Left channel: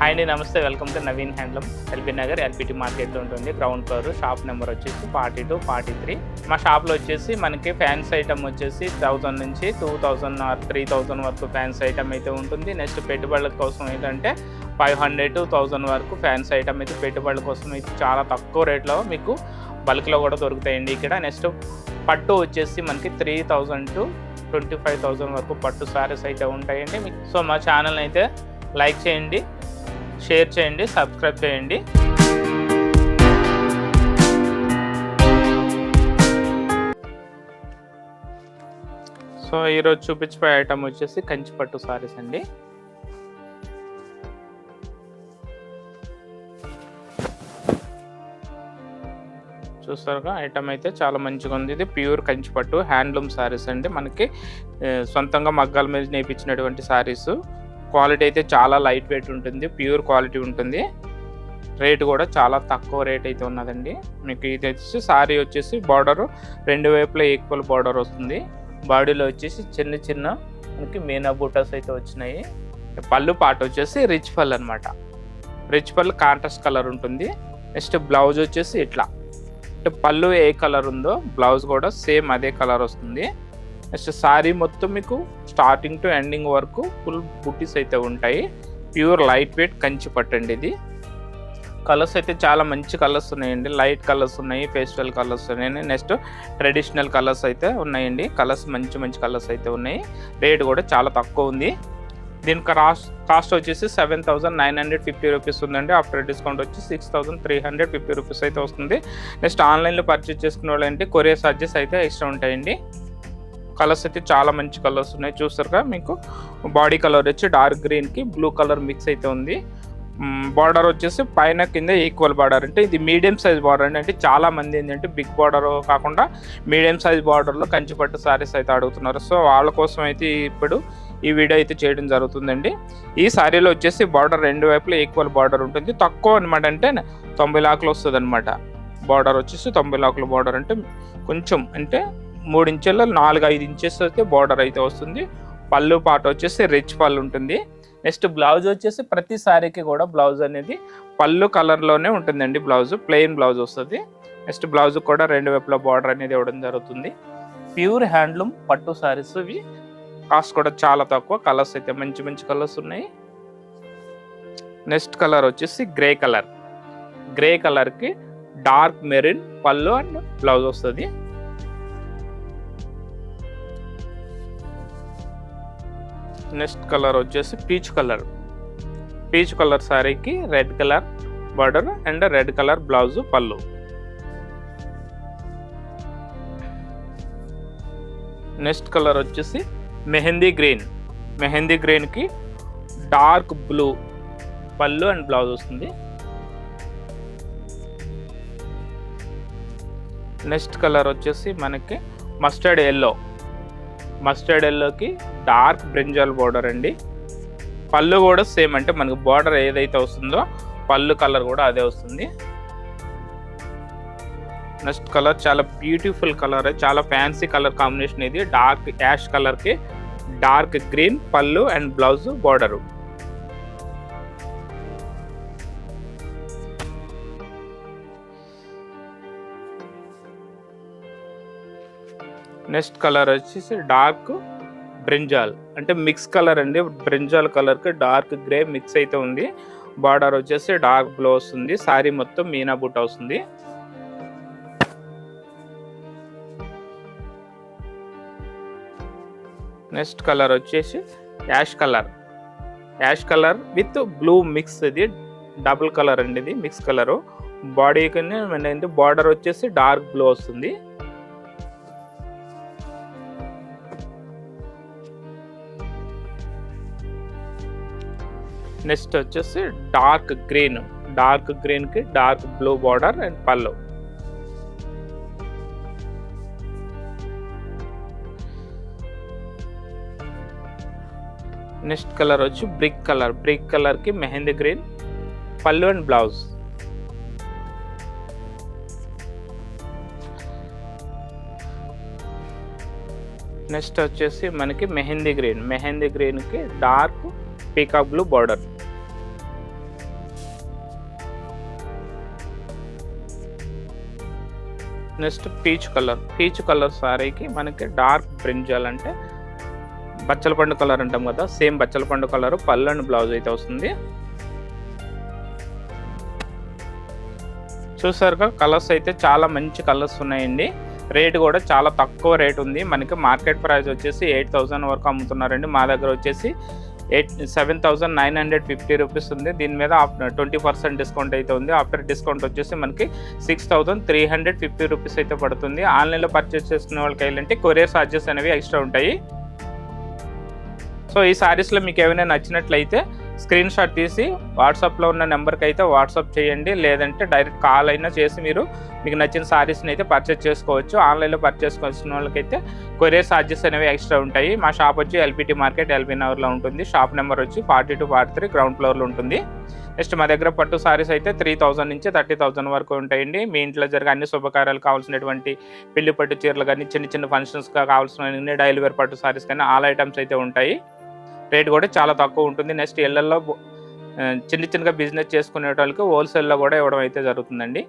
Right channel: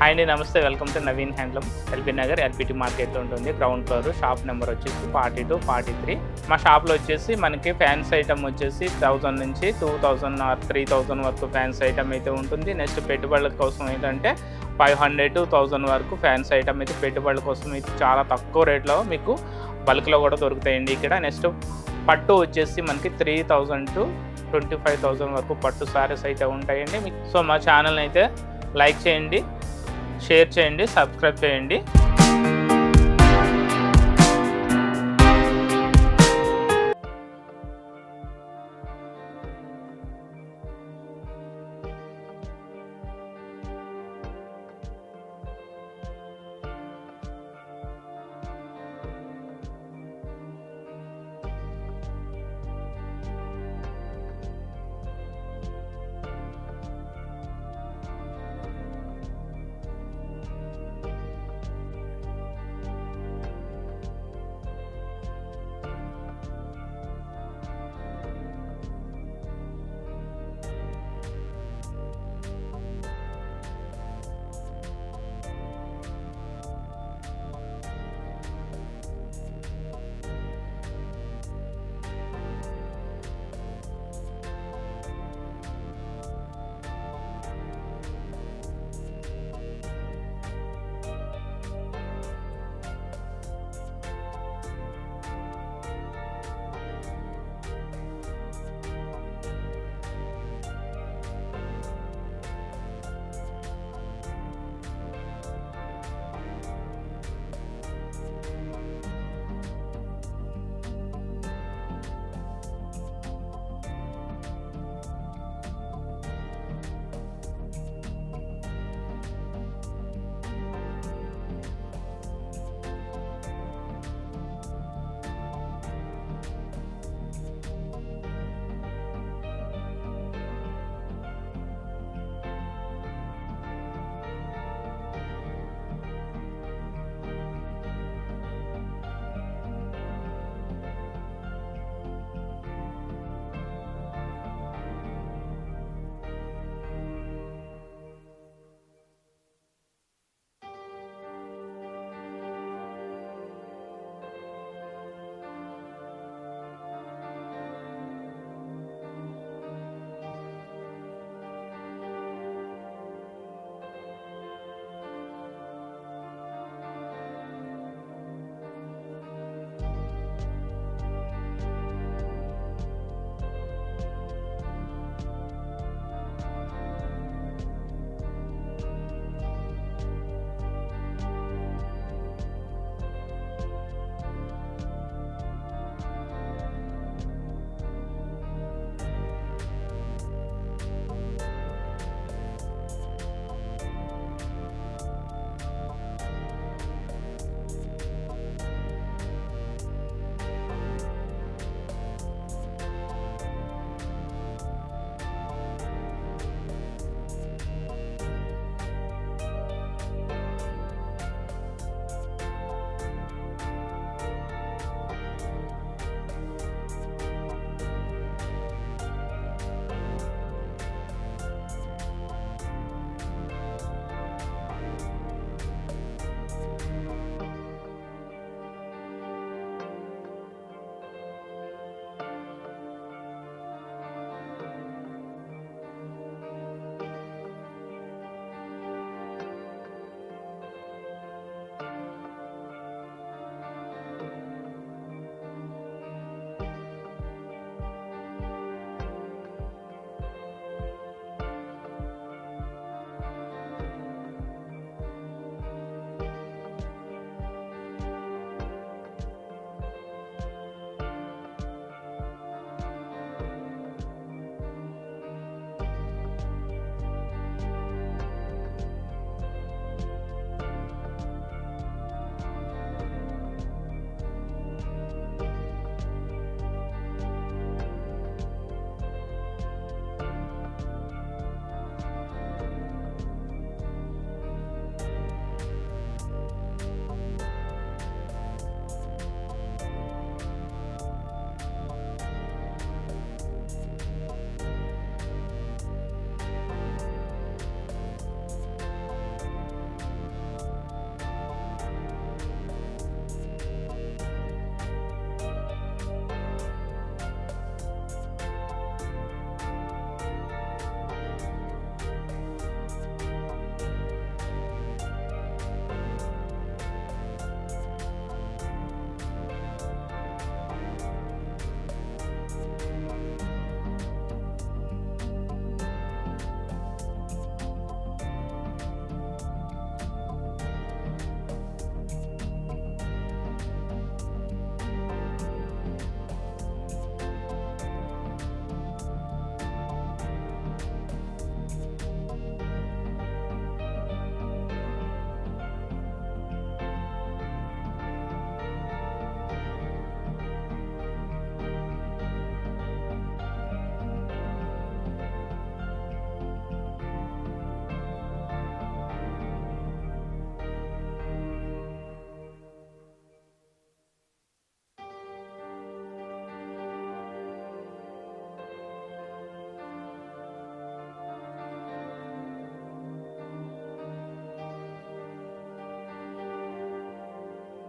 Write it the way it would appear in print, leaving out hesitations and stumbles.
Hi అండి, నమస్తే. Welcome to Naveen handloom, LB Nagar LPT మార్కెట్లో ఉంటుంది. గ్రౌండ్ ఫ్లోర్, షాప్ నెంబర్ వచ్చేసి 42, 43. మా షాప్లో వచ్చేసి మనకి ఫ్యాన్స్ ఐటమ్ వచ్చేసి 1000 నుంచి 2000 ఆర్ 3000 వరకు ఫ్యాన్స్ ఐటమ్ అయితే ఉంటుంది. నెక్స్ట్ పెట్టుబడుల కోసం ఏంటంటే 500 to 1000 వరకు ఫ్యాన్స్ ఐటమ్ అయితే పెట్టుబడుల కోసం అయితే చాలా తక్కువ రేట్లో మీకు బల్క్లో కూడా దొరుకుతాయండి ఇక్కడ. నెక్స్ట్ పట్టు వచ్చేసి మనకి 3000 to 25,000 వరకు పట్టు సారీస్ అయితే ఉంటాయండి మీకు. సో మా ఛానల్ని అయితే లైక్ చేయండి, షేర్ చేయండి, సబ్స్క్రైబ్ చేయండి. సో ఈరోజు చూపించిపోయే ఐటమ్ వచ్చేసి కంచి పట్టు సారీస్ అండి. చూస్తారుగా, ఐటమ్ అయితే చాలా మంచిగా ఉంది. ఇది ప్యూర్ కంచి పట్టు హ్యాండ్లూమ్ సారీస్ అండి. మనకి సొంతంగా మగ్గాల మీద నేర్పించినటువంటి సారీస్. క్వాలిటీ అయితే చాలా లైట్ వెయిట్ ఉంటుంది, ప్యూర్ క్వాలిటీ ఉంటుంది. రేట్ కూడా చాలా తక్కువ రేట్ అయితే ఉన్నదండి మీకు. ఇది వచ్చేసి సారీ వచ్చేసి బార్డర్ రెండు వైపులా ఈక్వల్ బార్డర్ వస్తుంది. బాడీలో వచ్చేసి చిన్న చిన్న మనకి మీనా బూటాస్ అయితే వచ్చినాయి. పళ్ళు పాట వచ్చేసి రిచ్ పళ్ళు అనమాట. రిచ్ పళ్ళు కాంట్రాస్ట్ కలర్ ఉంటుంది. నెక్స్ట్ బ్లౌజ్ వచ్చేసి ఇట్లా, అంటే పళ్ళు ఏ కలర్ ఉందో బ్లౌజ్ కూడా సేమ్ అదే కలర్ వస్తుంది. నెక్స్ట్ సారీ మొత్తం మీకు స్టార్టింగ్ టు ఎండింగ్ వరకు ఫుల్ బుట్టీస్ అయితే ఉంటాయి. ప్యూర్ లైట్ వెయిట్ కంచి పట్టండి ఇది. కలర్స్ అయితే చాలా మంచి కలర్స్ ఉన్నాయండి. లైట్ కలర్స్ ఉన్నాయి, పేస్టల్ కలర్స్ ఉన్నాయి, నెక్స్ట్ ట్రెడిషనల్ కలర్స్ అయితే ఉన్నాయండి. కలర్స్ మంచి మంచి కలర్స్ అయితే ఉన్నాయి. రేట్ కూడా చాలా తక్కువ ఉంది. దీని కాస్ట్ వచ్చేసి 7,950 రూపీస్ ఉందండి. ఆఫ్టర్ డిస్కౌంట్ వచ్చి 6,350 రూపీస్ అయితే వస్తుంది. నెక్స్ట్ ఆన్లైన్లో పర్చేస్ చేసుకునే వాళ్ళంటే కొరియర్ ఛార్జెస్ అయితే ఎక్స్ట్రా ఉంటాయండి. కలర్స్ అయితే చాలా మంచి కలర్స్ ఉన్నాయి. చూస్తారుగా, మీకు బాడీ కలర్ వచ్చి డార్క్ గ్రీన్కి బ్లూ కలర్ మిక్స్ అయితే ఉంది. బార్డర్ వచ్చేసి పైన కింద ఈక్వల్ బార్డర్. అంటే ఇది మీడియం సైజ్ బార్డర్ అండి. అంటే చాలా మంది ఏంటంటే బిగ్ బార్డర్ కాకుండా మీడియం సైజ్ బార్డర్లో కంచిపట్టు సారీస్ అయితే అడుగుతున్నారు. సో వాళ్ళ కోసం అయితే ఇప్పుడు ఈ వీడియో అయితే చేయడం జరుగుతుందండి. ఈ సారీలో వచ్చేసి బార్డర్ రెండు వైపులా ఈక్వల్ బార్డర్ ఉంటుంది. తక్కువ అనమాట, అంటే 90 లాక్లు వస్తుంది అనమాట. బార్డర్ వచ్చేసి 90 లాక్ల బార్డర్, అంటే కొంచెం అంటే 3 ఇంచెల 4-5 ఇంచెస్ అయితే బార్డర్ అయితే వస్తుంది. పళ్ళు పాట వచ్చేసి రిచ్ పళ్ళు ఉంటుంది. నెక్స్ట్ బ్లౌజ్ వచ్చేసి ప్రతి సారీకి కూడా బ్లౌజ్ అనేది పళ్ళు కలర్లోనే ఉంటుందండి. బ్లౌజ్ ప్లెయిన్ బ్లౌజ్ వస్తుంది. నెక్స్ట్ బ్లౌజ్ కూడా రెండు వైపులా బార్డర్ అనేది ఇవ్వడం జరుగుతుంది. ప్యూర్ హ్యాండ్లూమ్ పట్టు సారీస్ ఇవి. కాస్ట్ కూడా చాలా తక్కువ. కలర్స్ అయితే మంచి మంచి కలర్స్ ఉన్నాయి. నెక్స్ట్ కలర్ వచ్చేసి గ్రే కలర్. గ్రే కలర్కి డార్క్ మెరూన్ పళ్ళు అండ్ బ్లౌజ్ వస్తుంది. నెక్స్ట్ కలర్ వచ్చేసి పీచ్ కలర్. పీచ్ కలర్ సారీకి red colour border and red colour blouse పళ్ళు. నెక్స్ట్ కలర్ వచ్చేసి మెహందీ గ్రీన్. మెహందీ గ్రీన్కి డార్క్ బ్లూ పళ్ళు అండ్ బ్లౌజ్ వస్తుంది. నెక్స్ట్ కలర్ వచ్చేసి మనకి మస్టర్డ్ ఎల్లో. మస్టర్డ్ ఎల్లోకి డార్క్ బ్రింజాల్ బార్డర్ అండి. పళ్ళు కూడా సేమ్, అంటే మనకు బార్డర్ ఏదైతే వస్తుందో పళ్ళు కలర్ కూడా అదే వస్తుంది. నెక్స్ట్ కలర్ చాలా బ్యూటిఫుల్ కలర్, చాలా ఫ్యాన్సీ కలర్ కాంబినేషన్ ఇది. డార్క్ యాష్ కలర్కి డార్క్ గ్రీన్ పళ్ళు and blouse border. Next colour వచ్చేసి డార్క్ బ్రింజాల్, అంటే మిక్స్ కలర్ అండి. బ్రింజాల్ కలర్కి డార్క్ గ్రే మిక్స్ అయితే ఉంది. బార్డర్ వచ్చేసి డార్క్ బ్లూ వస్తుంది. సారీ మొత్తం మీనా బుట్ట వస్తుంది. నెక్స్ట్ కలర్ వచ్చేసి ash colour. Ash colour with blue mix. ఇది డబుల్ కలర్ అండి, ఇది మిక్స్ కలరు. బాడీకి బార్డర్ వచ్చేసి డార్క్ బ్లూ వస్తుంది. నెక్స్ట్ వచ్చేసి డార్క్ గ్రీన్. డార్క్ గ్రీన్కి డార్క్ బ్లూ బార్డర్ అండ్ పళ్ళు. నెక్స్ట్ కలర్ వచ్చి బ్రిక్ కలర్. బ్రిక్ కలర్కి మెహందీ గ్రీన్ పళ్ళు అండ్ బ్లౌజ్. నెక్స్ట్ వచ్చేసి మనకి మెహందీ గ్రీన్. మెహందీ గ్రీన్కి dark peacock blue border. Next peach colour సారీకి మనకి డార్క్ బ్రింజాల్ అంటే బచ్చల పండు కలర్ అంటాం కదా, సేమ్ బచ్చల పండు కలర్ పళ్ళు అండ్ బ్లౌజ్ అయితే వస్తుంది. చూసారుగా కలర్స్ అయితే చాలా మంచి కలర్స్ ఉన్నాయండి. రేట్ కూడా చాలా తక్కువ రేట్ ఉంది. మనకి మార్కెట్ ప్రైస్ వచ్చేసి 8,000 వరకు అమ్ముతున్నారండి. మా దగ్గర వచ్చేసి 7,950 రూపీస్ ఉంది. దీని మీద 20% డిస్కౌంట్ అయితే ఉంది. ఆఫ్టర్ డిస్కౌంట్ వచ్చేసి మనకి 6,350 రూపీస్ అయితే పడుతుంది. ఆన్లైన్లో పర్చేస్ చేసుకునే వాళ్ళకి ఏంటంటే కొరియర్ ఛార్జెస్ అనేవి ఎక్స్ట్రా ఉంటాయి. సో ఈ శారీస్లో మీకు ఏమైనా నచ్చినట్లయితే స్క్రీన్ షాట్ తీసి వాట్సాప్లో ఉన్న నెంబర్కి అయితే వాట్సాప్ చేయండి, లేదంటే డైరెక్ట్ కాల్ అయినా చేసి మీకు నచ్చిన శారీస్ని అయితే పర్చేస్ చేసుకోవచ్చు. ఆన్లైన్లో పర్చేస్ చేసుకున్న వాళ్ళకైతే కొరియర్ ఛార్జెస్ అనేవి ఎక్స్ట్రా ఉంటాయి. మా షాప్ వచ్చి ఎల్పిటి మార్కెట్ ఎల్బీ నగర్లో ఉంటుంది. షాప్ నెంబర్ వచ్చి 42-43 గ్రౌండ్ ఫ్లోర్లో ఉంటుంది. నెక్స్ట్ మా దగ్గర పట్టు సారీస్ అయితే 3,000 నుంచి 30,000 వరకు ఉంటాయండి. మీ ఇంట్లో జరిగే అన్ని శుభకార్యాలు కావాల్సినటువంటి పెళ్లి పట్టు చీరలు కానీ, చిన్న చిన్న ఫంక్షన్స్గా కావాల్సిన డైలీ వేర్ పట్టు సారీస్ కానీ ఆల్ ఐటమ్స్ అయితే ఉంటాయి. రేట్ కూడా చాలా తక్కువ ఉంటుంది. నెక్స్ట్ ఇళ్లలో చిన్నగా బిజినెస్ చేసుకునే వాళ్ళకి హోల్సేల్లో కూడా ఇవ్వడం అయితే జరుగుతుందండి.